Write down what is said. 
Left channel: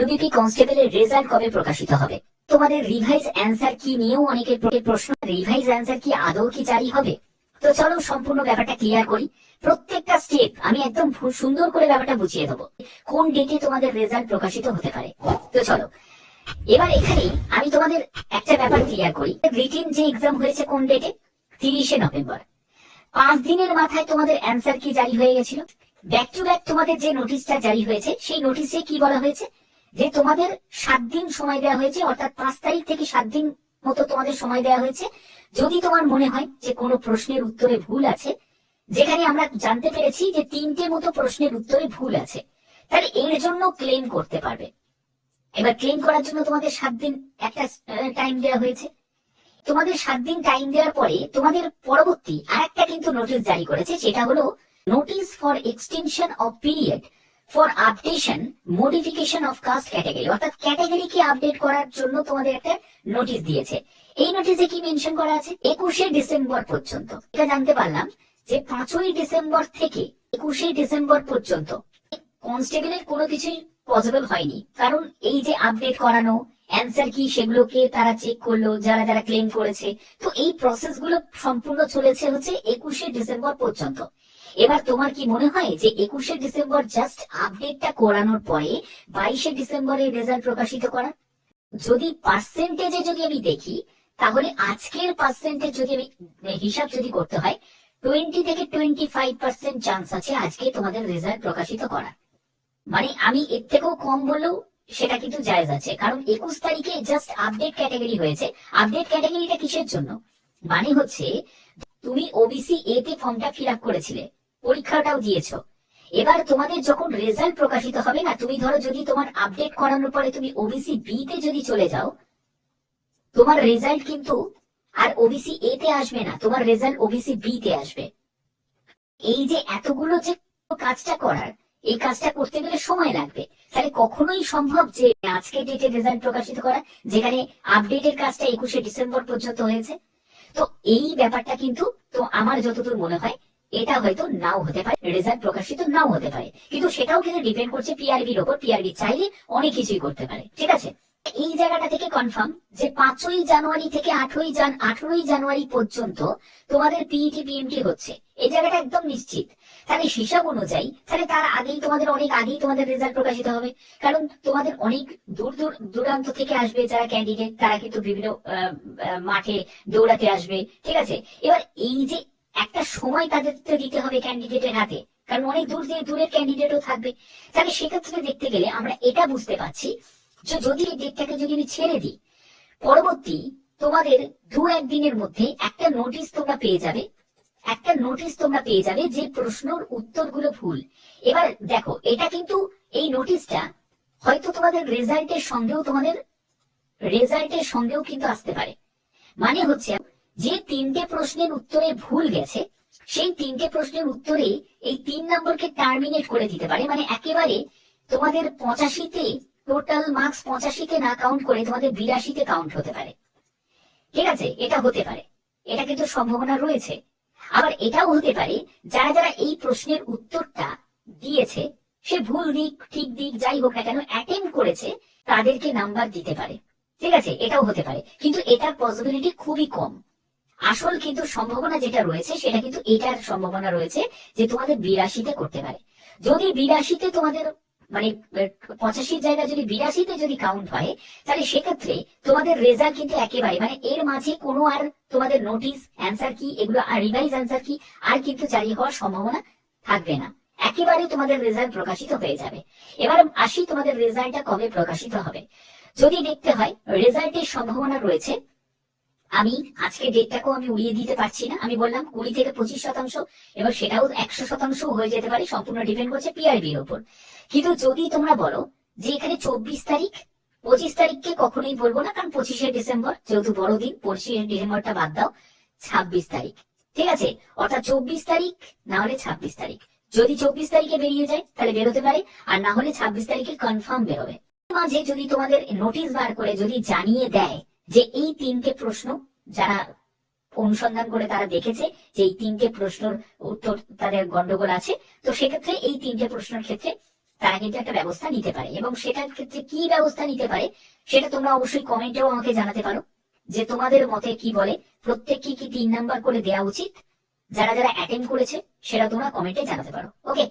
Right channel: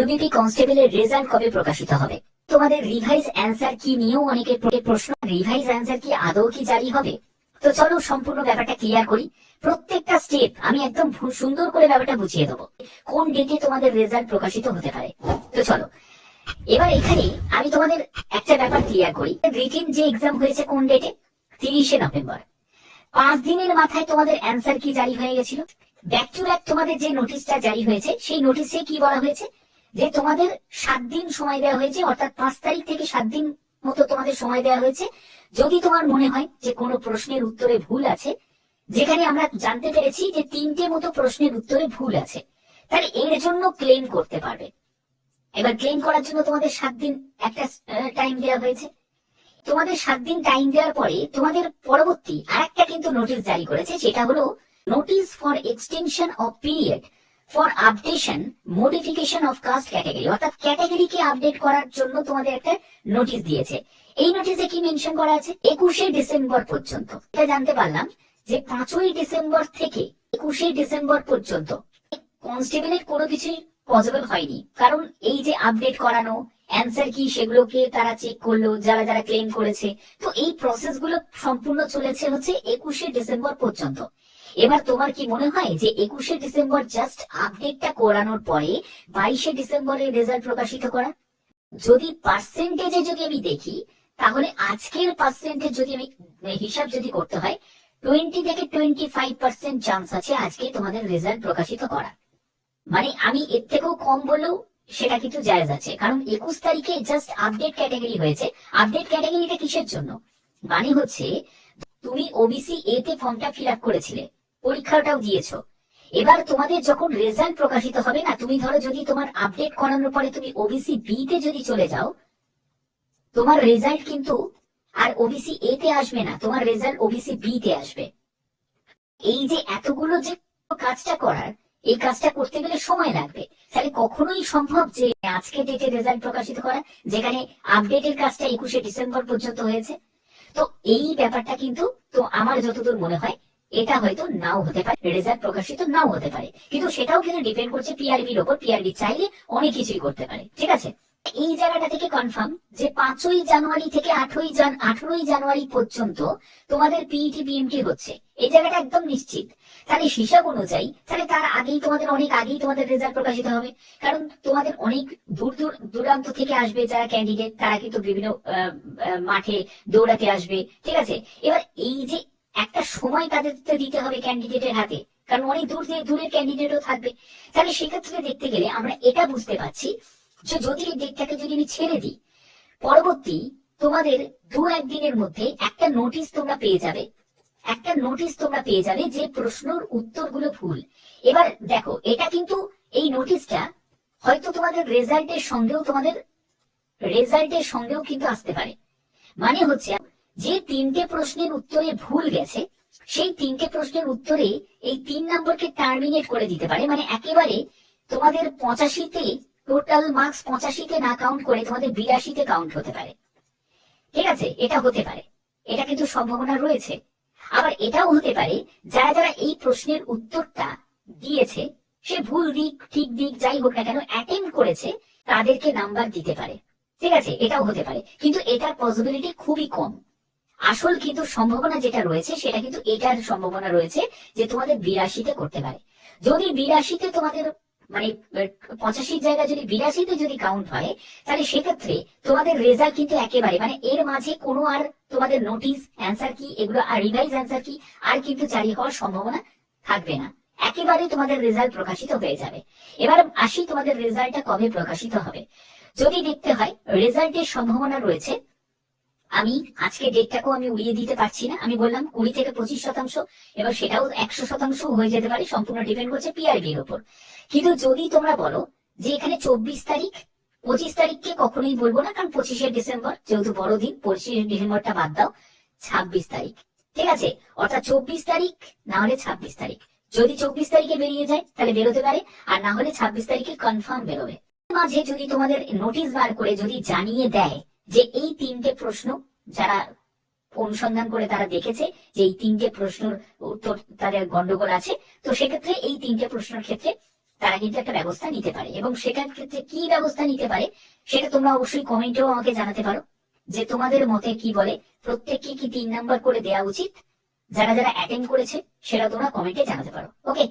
UPP কনস্টেবলের result কবে প্রকাশিত হবে? তোমাদের রিভাইজ অ্যান্সার কি নিয়েও অনেকের প্রশ্ন, রিভাইজ অ্যান্সার কি আদৌ কি জারি হবে? তো চলো সম্পূর্ণ ব্যাপারটা ক্লিয়ার করি। প্রত্যেকটা স্টেপ আমি একদম সুন্দর করে ব্যাপারটা বুঝিয়ে দেবো, কোন ডেটে তোমাদের রেজাল্ট প্রকাশিত হতে পারে। তো চলো এবার এখানে আমি তোমাদের একটা ব্যাপার ক্লিয়ার করি। রিটেন যে এক্সাম হয়েছে কোন ডেটে? 30শে নভেম্বর। 5 দিনের মাথায় তোমাদের অ্যান্সার কি জারি হয়ে গেছিল। ব্যাক টু ব্যাক তোমাদের যে নোটিশটা জারি হয়েছে, সেই নোটিশে কি বলা হয়েছে যে তোমাদের 7 দিন সময় দেওয়া হয়েছে, অর্থাৎ 5 তারিখ থেকে 7 দিন মতো তোমাদের সময় দেওয়া হয়েছে। যদি তোমার মনে হয় যে কোনো প্রশ্নের উত্তরে ভুল আছে, যেখানে আমরা জানতে পেরেছি যে 3টে মতো প্রশ্নের উত্তরে ভুল আছে, তাহলে এর জন্য ক্লেম করতে পারবে। এবার ক্লেম করার জন্য তোমাদের 7 দিন একটা টাইম দেওয়া হয়েছে। তোমাদের 7 দিন টাইম দেওয়ার পরে তোমাদের পরবর্তী আরেকটা কিন্তু নোটিশ জারি করেছে, সেটা হলো notice for extension of period for updation modification of caste category, অর্থাৎ ক্যাটাগরিকে আপডেট করার জন্য তোমাদের একটা নোটিশ দিয়েছে। এই নোটিশে কি মেনশন করা আছে? 21শে ডিসেম্বর পর্যন্ত। এটা জানতে পারলাম যে 5ই ডিসেম্বর থেকে 21শে ডিসেম্বর পর্যন্ত কনস্টেবলের কোনো কিছুই পসিবল হয়নি, কারণ এই যে আপডেট করানো, অ্যান্সার কি সেগুলোকে তারা চেক করলো যারা যারা ক্লেম করেছে। তো এই প্রসেস গুলো সম্পূর্ণ চলেছে হচ্ছে 21শে ডিসেম্বর পর্যন্ত। এবার তোমার কি মনে হয় যে 21শে ডিসেম্বর জাস্ট আপডেটটা করানোর পরে 22শে ডিসেম্বরের রেজাল্ট প্রকাশিত করা? যদি পার্সেন্টেজে যদি আমি দেখি, তাহলে আজকের পার্সেন্টেজ যদি আমি হিসাব যদি করতে হয়, 20 থেকে 25% চান্স আছে আজকে তোমাদের রেজাল্ট প্রকাশিত করা। মানে আমি এর থেকেও কম বললেও সেটা কিন্তু জায়েজ আছে, কারণ 21 তারিখে জাস্ট আপডেট ক্যাটাগরি হয়েছে। আপডেট ক্যাটাগরিটা কিসের জন্য? মানে হচ্ছে তুমি ওবিসি এ তে ফর্মটা ফিল আপ করেছিলে, পরীক্ষাটাও দিয়েছো। এবার তোমাদের যখন রেজাল্ট প্রকাশিত হবে না, তুমি ধরো যদি তোমার আপডেট করানোর পরে তুমি ওবিসি বি তে যদি চলে যাও, তোমার রেজাল্ট কিন্তু আর ওবিসি এ তে আসবে না, তোমার রেজাল্ট ওবিসি বি তে আসবে। এই যে এতগুলো যে কাজটা করার, এই কাজটা করতে গেলে সময় লাগবে। তাহলে কখনোই সম্ভব যে আজকে ডেটে রেজাল্ট প্রকাশিত করা, যেখানে আপডেটের কাজটা 21শে ডিসেম্বর পর্যন্ত হয়েছে? তো এই ব্যাপারটা কিন্তু, তো আমার যতদূর মনে হয় এটা হয়তো নাও হতে পারে, রেজাল্ট প্রকাশিত নাও হতে পারে, কিন্তু সেটাও কিন্তু ডিপেন্ড করছে পিআরবির ওপর। পিআরবি চাইলে অনেক কিছুই করতে পারে, ঠিক আছে। এই জায়গাটা থেকে কনফার্ম যে 5ই জানুয়ারি থেকে 18ই জানুয়ারি পর্যন্ত তোমাদের পিইটি বিএমটি হচ্ছে, এই জায়গাটা একদম নিশ্চিত। তাহলে হিসাব অনুযায়ী তাহলে তার আগেই তোমাদের, অনেক আগেই তোমাদের রেজাল্ট প্রকাশিত হবে, কারণ তোমাদের অনেক দূর দূরান্ত থেকে আসবে যারা ক্যান্ডিডেট, তারা কিন্তু বিভিন্ন মাঠে দৌড়াতে আসবে, ঠিক আছে। এবার এই যে একটা সময় তাদের দিতে হবে ক্যান্ডিডেটের হাতে, কারণ অনেক দূরের ক্যান্ডিডেটও থাকবে। তাহলে সেক্ষেত্রে দেখতে গেলে আমরা এটা বুঝতে পারছি যে যদি ডেটটাকে যদি আমি ছেড়ে দিই, পরবর্তী তোমাদের 2-1 দিনের মধ্যে একটা নোটিশ তোমরা পেয়ে যাবে, একটা নোটিশ তোমরা পেয়ে যাবে যে প্রশ্নের উত্তরগুলো ভুল। এবার দেখো, এটা কিন্তু এই নোটিশটা হয়তো তোমাদের রেজাল্টের সঙ্গেও কিন্তু আসতে পারে। মানে হচ্ছে যে 3টে প্রশ্নের উত্তরে ভুল গেছে, সেই 3টে প্রশ্নের উত্তরে এই 3 নম্বরকে টার্মিনেট করে দিতে পারে। মানে একেবারে তোমাদের 85তে টোটাল মার্কস 85তে না কাউন্ট করে তোমাদের 82তে কাউন্ট হতে পারে, ঠিক আছে। এটা হতে পারে, এটা কিন্তু সম্ভাবনা রয়েছে। আবার এটাও হতে পারে যারা যারা এই প্রশ্নের উত্তরটা দিয়েছে, সে ভুল দিক ঠিক দিক যাই হোক না কেন অ্যাটেম্প করেছে, তাদেরকে নাম্বার দিতে পারে, ঠিক আছে। এটাও হতে পারে, কিন্তু এটার পসিবিলিটি খুবই কম। আসল কিন্তু সম্ভাবনা যেটা রয়েছে সেটা কিন্তু এটার সম্ভাবনা রয়েছে যে তোমাদের 82তে করতে পারে। যদি 82তে তোমাদের মানে 85 জায়গায় যদি 82তে যদি কাউন্ট হয়, তাহলে সেক্ষেত্রে তোমাদের রেজাল্ট কিন্তু একেবারে, মানে এর মাঝে কোনো আর তোমাদের নোটিশ অ্যান্সার কি এগুলো আর রিভাইজ অ্যান্সার কি আর কিন্তু জারি হওয়ার সম্ভাবনা থাকবে না, একেবারে তোমাদের রেজাল্ট প্রকাশিত হয়ে যাবে। এবার আসি তোমাদের রেজাল্টটা কবে প্রকাশিত হবে। যদি দেখতে হয় রেজাল্টের সম্ভাবনা রয়েছে, আমি আজকে ডেটটাকেও আমি উড়িয়ে দিতে পারছি না, আমি বললাম 20 থেকে 25%, এবার সেটাও 100% হয়ে যেতে পারে, সম্পূর্ণ ডিপেন্ড করছে পিআরবির ওপর। কিন্তু যদি তোমরা বলো যে এখানে 24 তারিখ, 25 তারিখকে কখনোই বলবো না, কারণ 25শে ডিসেম্বর যেহেতু বড়দিন, 25শে ডিসেম্বরটা বাদ দাও, 26 তারিখ, ঠিক আছে। অর্থাৎ 24 তারিখ না হলে 26 তারিখ। যদি 24 তারিখে বেরিয়ে যায় তাহলে বেরোতে পারে, আর না হলে 26 তারিখে কনফার্ম বেরোবে। মাঝে যদি তোমাদের নোটিশ বার করে যদি জানিয়ে দেয় যে এই 3টে প্রশ্ন, যারা অনুসন্ধান করে তারা দেখেছে যে এই 3টে প্রশ্নের উত্তর তাদের গন্ডগোল আছে, তো সেক্ষেত্রে এই 3টে প্রশ্নের ক্ষেত্রে তারা কিন্তু একটা ব্যবস্থা নিতে পারে, এবং সেটার ক্ষেত্রে কি ব্যবস্থা নিতে পারে সেটা তোমরা অবশ্যই কমেন্টেও আমাকে জানাতে পারো, যে তোমাদের মতে কি বলে, প্রত্যেককে কি 3 নাম্বার করে দেওয়া উচিত। যারা যারা অ্যাটেন্ড করেছে সেটা তোমরা কমেন্টে জানাতে পারো। ওকে।